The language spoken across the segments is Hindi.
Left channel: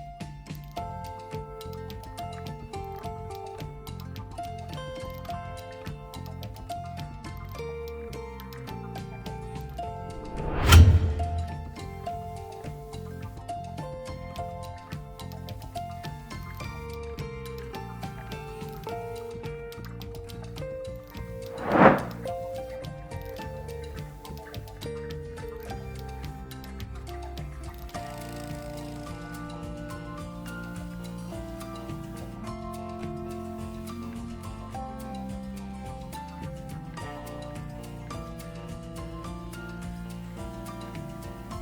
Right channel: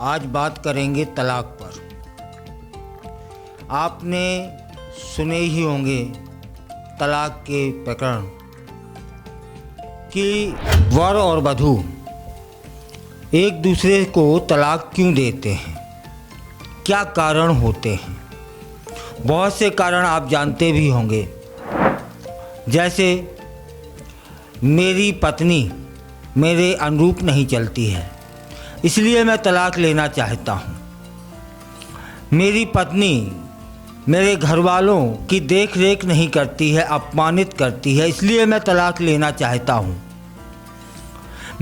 आज बात करेंगे तलाक पर। आपने सुने ही होंगे तलाक के प्रकरण कि वर और वधू एक दूसरे को तलाक क्यों देते हैं, क्या कारण होते हैं। बहुत से कारण आप जानते भी होंगे, जैसे मेरी पत्नी मेरे अनुरूप नहीं चलती है इसलिए मैं तलाक लेना चाहता हूँ। मेरी पत्नी मेरे घर वालों की देख रेख नहीं करती है, अपमानित करती है, इसलिए मैं तलाक लेना चाहता हूँ।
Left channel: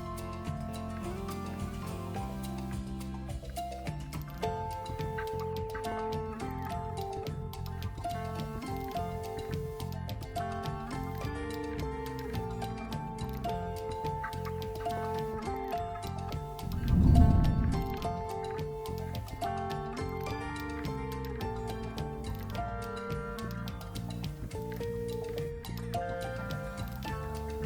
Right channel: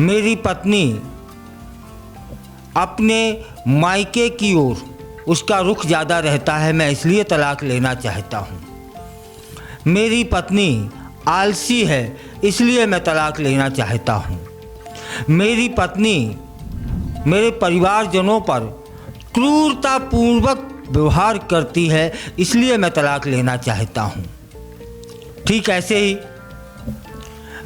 मेरी पत्नी अपने मायके की ओर उसका रुख ज़्यादा रहता है, मैं इसलिए तलाक लेना चाहता हूँ। मेरी पत्नी आलसी है इसलिए मैं तलाक लेना चाहता हूँ। मेरी पत्नी मेरे परिवारजनों पर क्रूरतापूर्वक व्यवहार करती है इसलिए मैं तलाक लेना चाहता हूँ। ठीक ऐसे ही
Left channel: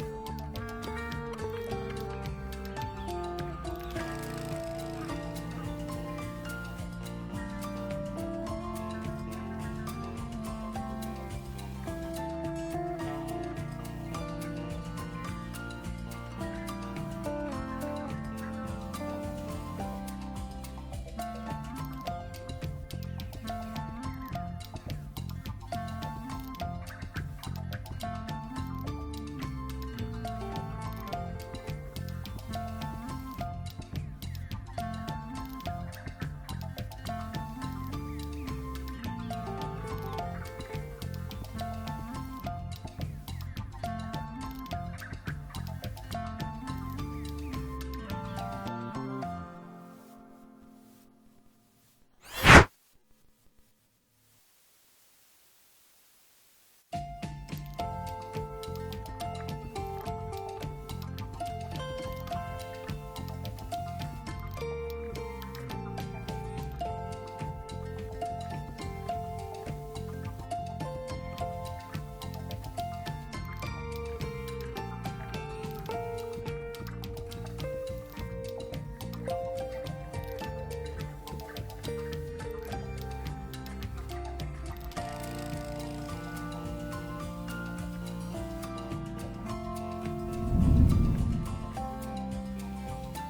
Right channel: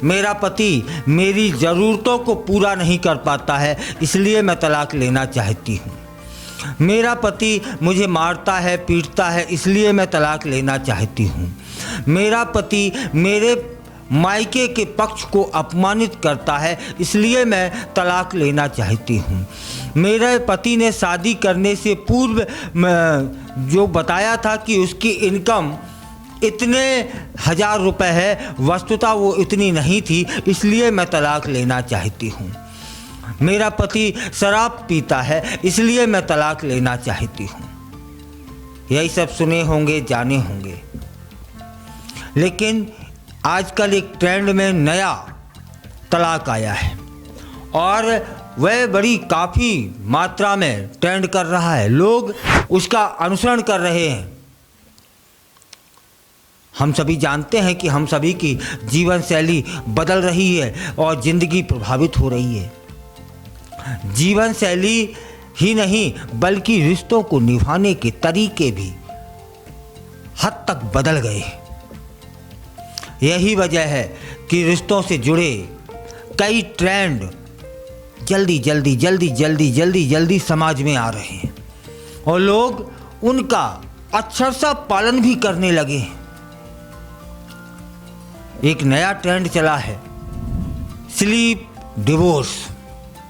मेरा पति मेरी ज़रूरतों को पूरा नहीं कर पाता है इसलिए मैं तलाक लेना चाहती हूँ। मेरा पति मुझे मारता है, पीटता है इसलिए मैं तलाक लेना चाहती हूँ। मेरा पति मेरे मायके के पक्ष को अपमानित करता है इसलिए मैं तलाक लेना चाहती हूँ। मेरे पति ने शादी करने से पूर्व जो बताया था कि उसकी इनकम इतने 1000 रुपये है, वस्तुतः वो इतनी नहीं थी इसलिए मैं तलाक लेना चाहती हूँ। मेरा पति शराब पीता है इसलिए मैं तलाक लेना चाहती हूँ। यही सब सुने होंगे, जाने होंगे। लेकिन आजकल एक ट्रेंड में नया तलाक आया है और वह बड़ी काफ़ी मात्रा में ट्रेंड कर रहा है, लोग उसका अनुसरण कर रहे हैं। हम सभी जानते हैं कि हम सभी की जीवन शैली बदल रही है और ज़िंदगी प्रभावित हो रही है। जीवन शैली ही नहीं बल्कि रिश्तों को निभाने के तरीके भी हद तक बदल गए। यही वजह है कि रिश्तों से जुड़े कई ट्रेंड जल्दी समाज में आ रहे हैं और लोग उनका अक्षरशः पालन भी करने लगे हैं। एक नया ट्रेंड चला है स्लीप डिवोर्स,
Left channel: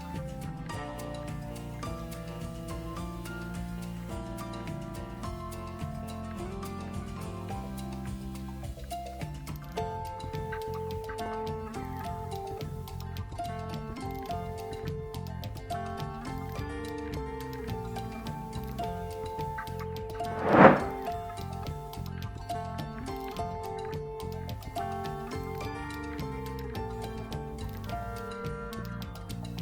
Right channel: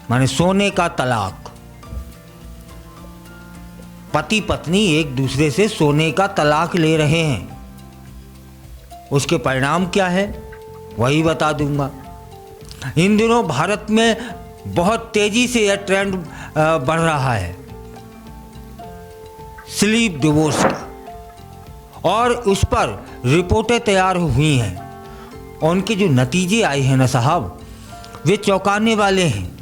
माने सोने का तलाक। पति पत्नी एक दूसरे से सोने का तलाक ले रहे हैं। उसके परिणाम क्या है वही बता दूंगा। इन दिनों भारत में बहुत तेजी से यह ट्रेंड बढ़ रहा है स्लीप डिवोर्स का, और उस पर रिपोर्टें तैयार हुई हैं और उनके जो नतीजे आए हैं ना साहब, वे चौंकाने वाले हैं।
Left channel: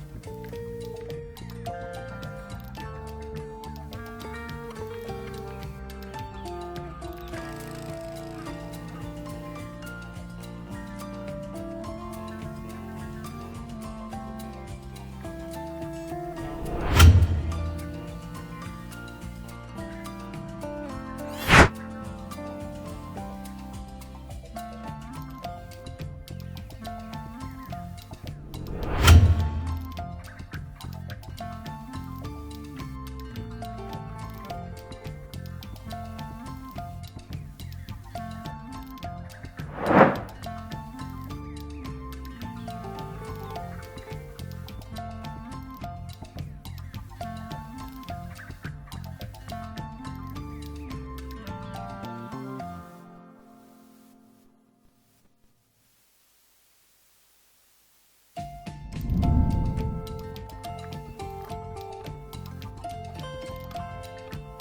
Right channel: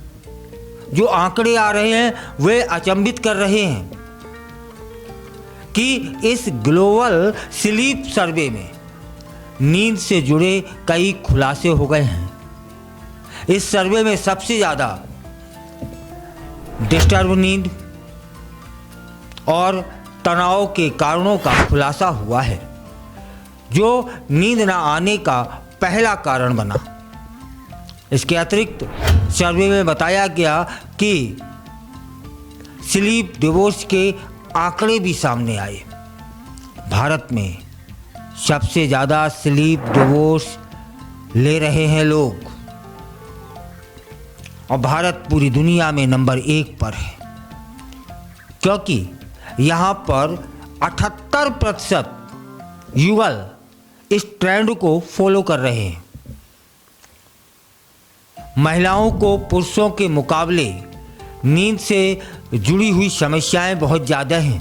जो आंकड़े आ रहे हैं वे अचंभित कर रहे हैं कि इस ग्लोबल स्लीप सर्वे में नींद से जुड़े कई खुलासे हो गए हैं। इस सर्वे में सबसे ज़्यादा डिस्टर्ब नींद और तनाव के कारणों का खुलासा हुआ है, जो नींद न आने का पहला कारण बना। इसके अतिरिक्त सर्वे में बताया गया कि स्लीप डिवोर्स के आंकड़े भी सामने आए। भारत में सबसे ज़्यादा स्लीप डिवोर्स ले रहे हैं लोग और भारत पूरी दुनिया में नंबर 1 पर है, क्योंकि यहाँ पर 78% युगल इस ट्रेंड को फॉलो कर रहे हैं। महिलाओं को पुरुषों के मुकाबले नींद से जुड़ी हुई समस्याएं बहुत ज़्यादा हैं।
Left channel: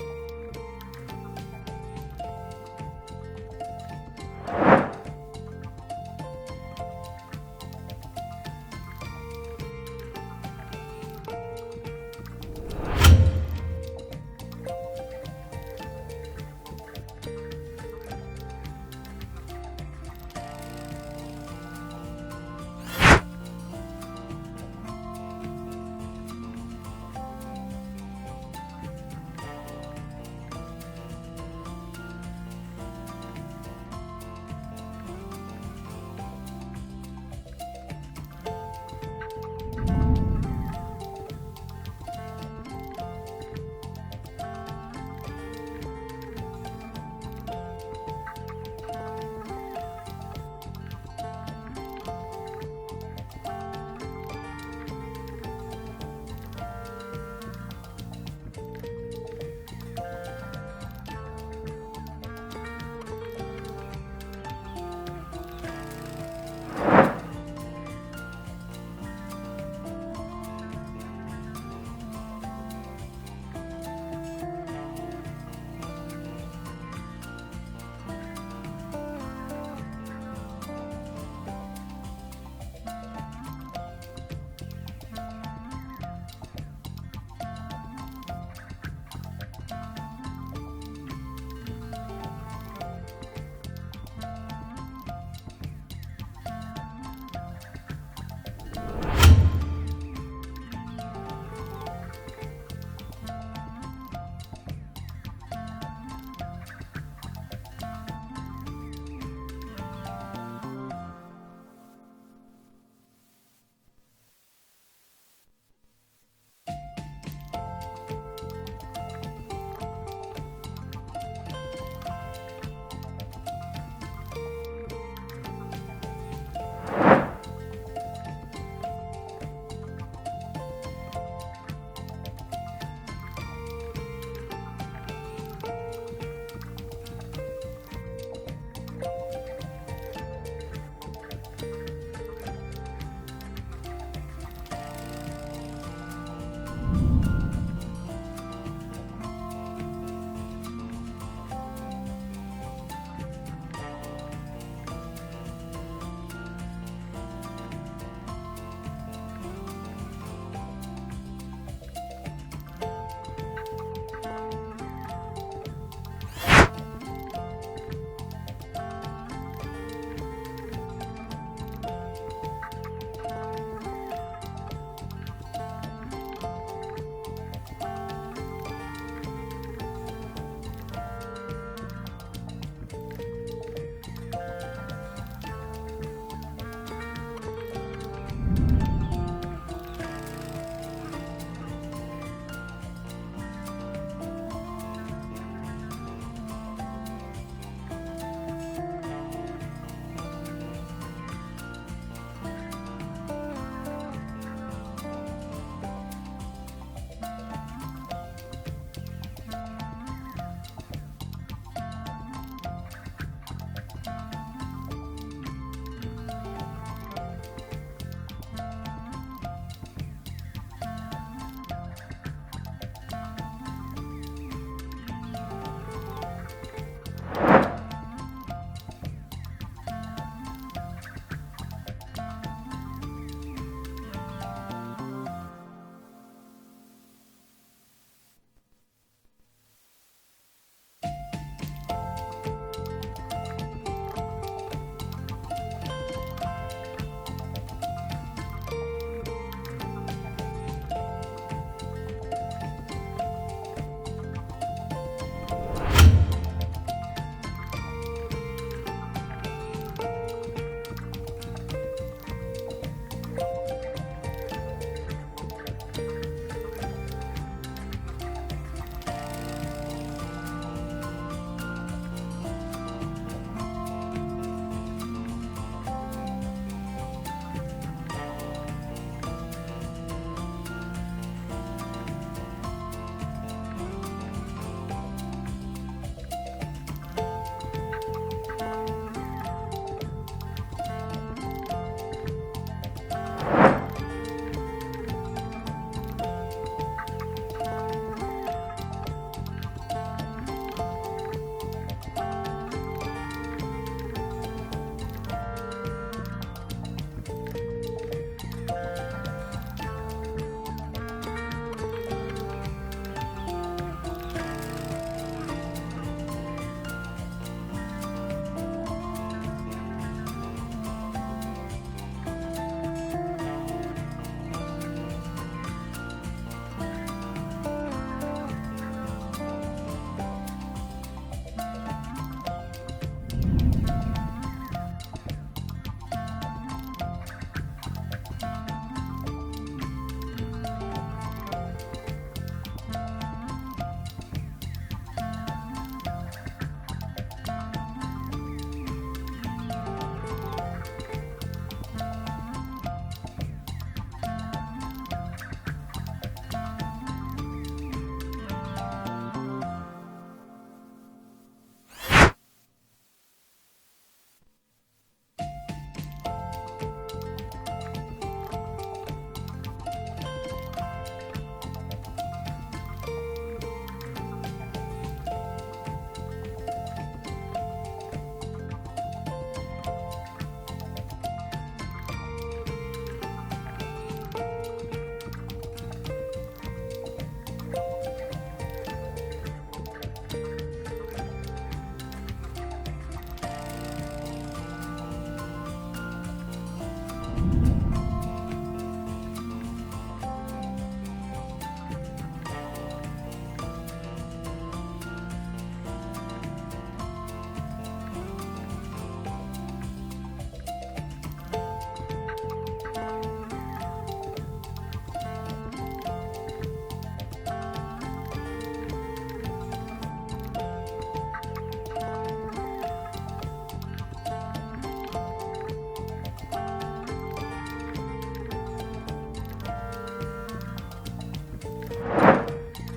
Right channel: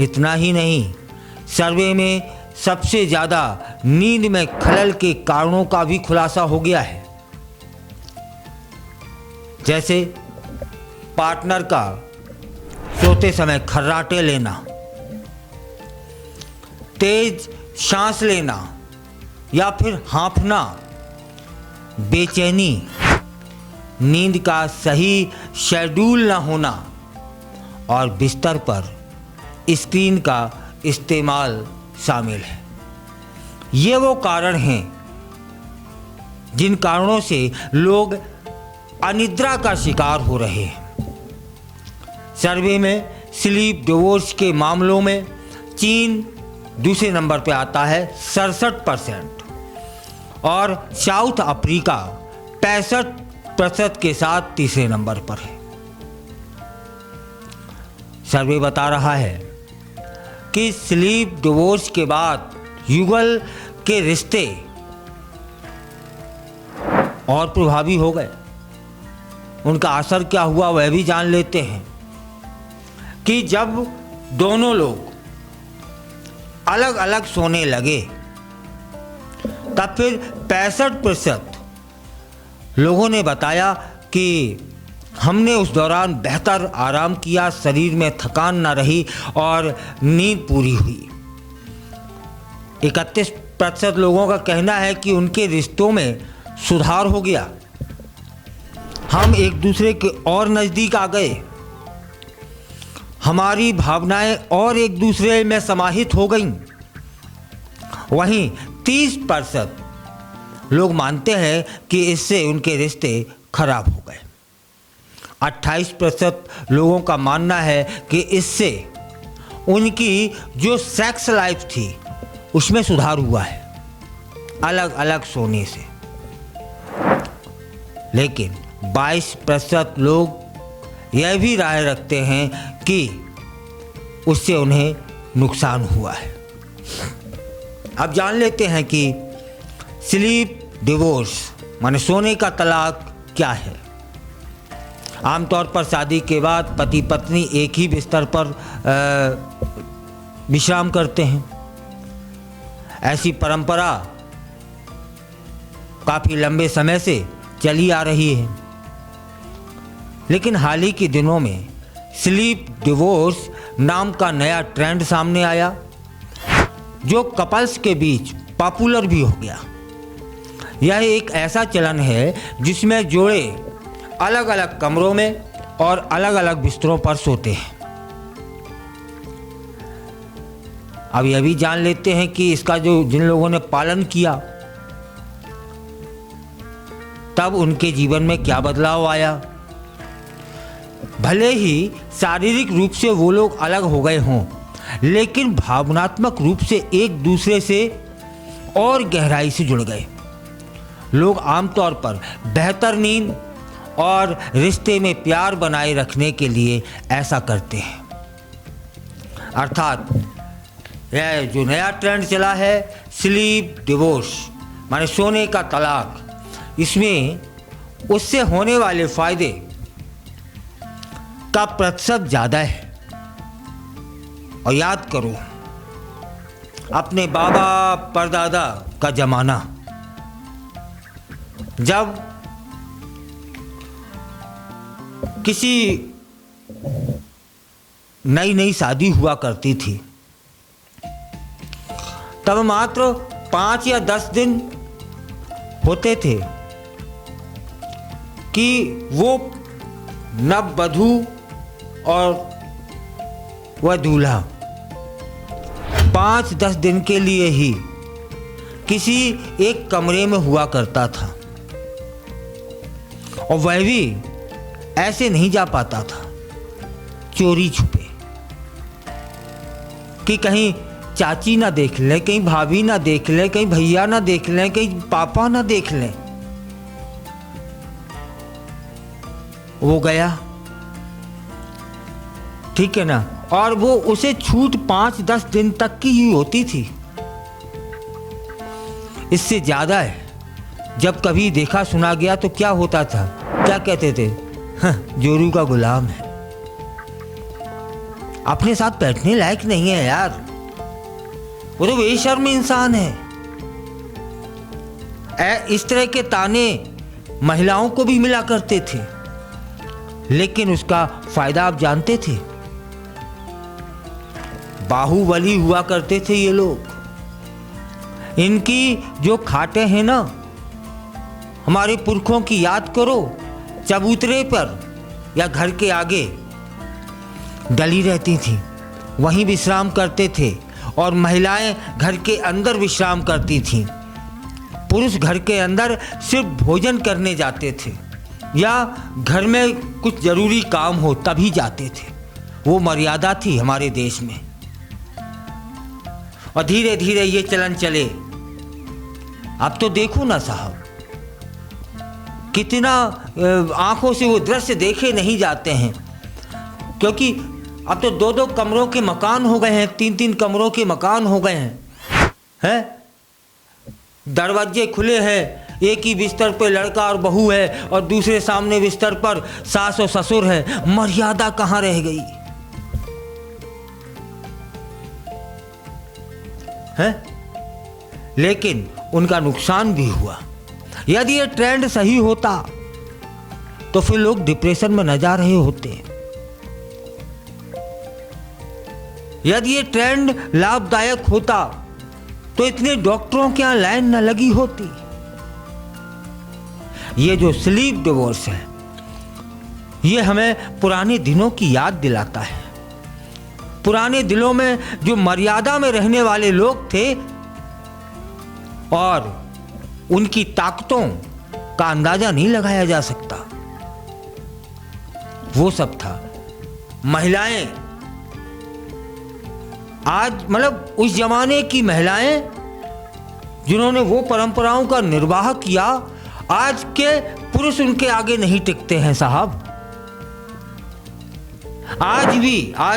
इतना ही नहीं, सर्वे में सबसे ज़्यादा नींद में खलल के कारणों का भी खुलासा हो गया है, जैसे पार्टनर का सोते समय खर्राटे लेना, तेज सांस लेना या फिर हाँफना, बेचैनी, नींद का सही शेड्यूल न होना और बिस्तर पर स्क्रीन का इस्तेमाल शामिल है। ये वो कारण हैं जिन कारणों से लोग अनिद्रा का शिकार हो रहे हैं। सर्वे में स्लीप डिवोर्स के मामलों में चीन दूसरे नंबर पे आता है 67% और साउथ अफ्रीका 65% के साथ तीसरे नंबर पर है। सर्वे बता रहा है कि स्लीप डिवोर्स के बाद युगल के रिश्ते और प्रभावी हो गए। उनका असर क्या हुआ वह भी जान लेते हैं कि जब दोनों लोग अलग अलग सोने लगे तब फिर 65% लोगों ने बताया कि हमने उस दौरान बेहतर आराम किया, शरीर में थकान ना रही और नींद पूरी हुई। 31% लोगों का कहना है कि उनके रिश्तों में सुधार हो गया, हम एक दूसरे के और नज़दीक आ गए, हमारी भावनाएं और एक दूसरे में समाहित हो गईं। वहीं 30% लोग मानते हैं कि इससे उनके रिश्ते खराब हो गए। 28% लोगों का मानना है कि इससे उनकी जो सेक्स लाइफ थी उसमें सुधार हुआ है अलग अलग सोने से। लेकिन 22% लोग यह भी राय रखते हैं कि उससे उन्हें नुकसान हुआ है। अब जान लेते हैं कि स्लीप डिवोर्स माने सोने का तलाक क्या है। आमतौर पर शादी के बाद पति पत्नी एक ही बिस्तर पर विश्राम करते हैं। ऐसी परंपरा काफ़ी लंबे समय से चली आ रही है, लेकिन हाल ही के दिनों में स्लीप डिवोर्स नाम का नया ट्रेंड सामने आया जो कपल्स के बीच पॉपुलर भी हो गया। यह एक ऐसा चलन है जिसमें जोड़े अलग अलग कमरों में और अलग अलग बिस्तरों पर सोते हैं। अब यह भी जान लेते हैं कि इसका जिन लोगों ने पालन किया तब उनके जीवन में क्या बदलाव आया। भले ही शारीरिक रूप से वो लोग अलग हो गए हों, लेकिन भावनात्मक रूप से एक दूसरे से और गहराई से जुड़ गए। लोग आमतौर पर बेहतर नींद और रिश्ते में प्यार बनाए रखने के लिए ऐसा करते हैं। अर्थात यह जो नया ट्रेंड चला है स्लीप डिवोर्स माने सोने का तलाक, इसमें उससे होने वाले फायदे का प्रतिशत ज़्यादा है। और याद करो अपने बाबा परदादा का जमाना, जब किसी नई नई शादी हुआ करती थी तब मात्र 5 या 10 दिन होते थे कि वो नववधू और वह दूल्हा 5-10 दिन के लिए ही किसी एक कमरे में हुआ करता था, और वह भी ऐसे नहीं जा पाता था चोरी छुपे कि कहीं चाची ना देख ले, कहीं भाभी ना देख ले, कहीं भैया ना देख ले, कहीं पापा ना देख ले। वो गया, ठीक है ना, और वो उसे छूट 5-10 दिन तक की ही होती थी। इससे ज्यादा है जब कभी देखा सुना गया तो क्या होता था, क्या कहते थे, जोरू का गुलाम है, अपने साथ बैठने लायक नहीं है यार, वो तो बेशर्म इंसान है। इस तरह के ताने महिलाओं को भी मिला करते थे, लेकिन उसका फायदा आप जानते थे, बाहुबली हुआ करते थे ये लोग। इनकी जो खाटें हैं ना, हमारे पुरखों की याद करो, चबूतरे पर या घर के आगे डली रहती थी, वहीं विश्राम करते थे, और महिलाएं घर के अंदर विश्राम करती थीं। पुरुष घर के अंदर सिर्फ भोजन करने जाते थे या घर में कुछ जरूरी काम हो तभी जाते थे। वो मर्यादा थी हमारे देश में। और धीरे धीरे ये चलन चले। अब तो देखो ना साहब, कितना आंखों से वो दृश्य देखे नहीं जाते हैं, क्योंकि अब तो 2-2 कमरों के मकान हो गए हैं, 3-3 कमरों के मकान हो गए हैं। दरवाजे खुले हैं, एक ही बिस्तर पे लड़का और बहू है और दूसरे सामने बिस्तर पर सास और ससुर है। मर्यादा कहाँ रह गई है? लेकिन उनका नुकसान भी हुआ। यदि ये ट्रेंड सही होता तो फिर लोग डिप्रेशन में न जा रहे होते। यदि ये ट्रेंड लाभदायक होता तो इतने डॉक्टरों के यहां लाइन न लगी होती। ये जो स्लीप डिवोर्स है, ये हमें पुराने दिनों की याद दिलाता है। पुराने दिनों में जो मर्यादा में रहने वाले लोग थे और उनकी ताकतों का अंदाजा नहीं लगाया जा सकता, वो सब था। महिलाएं आज मतलब उस जमाने की महिलाएं जिन्होंने वो परंपराओं का निर्वाह किया, आज के पुरुष उनके आगे नहीं टिकते हैं साहब। आज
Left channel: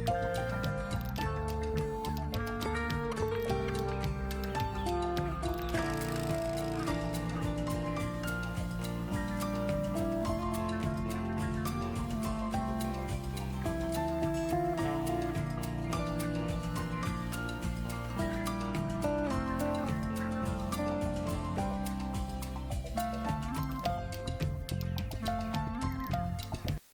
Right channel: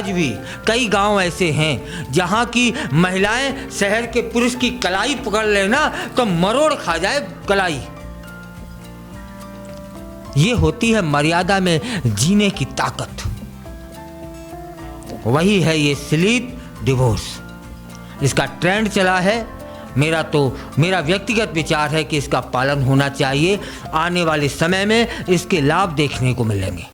भी कई गांव ऐसे हैं जहां की महिलाएं शहर के पुरुष की कलाई पकड़ लेना तो मरोड़ खा जाए कलाई। ये होती है मर्यादा में जीने की ताकत। वही है ये स्लीप डिवोर्स। इसका ट्रेंड चला है। मेरा व्यक्तिगत विचार है कि इसका पालन होना चाहिए। आने वाले समय में इसके लाभ देखने को मिलेंगे।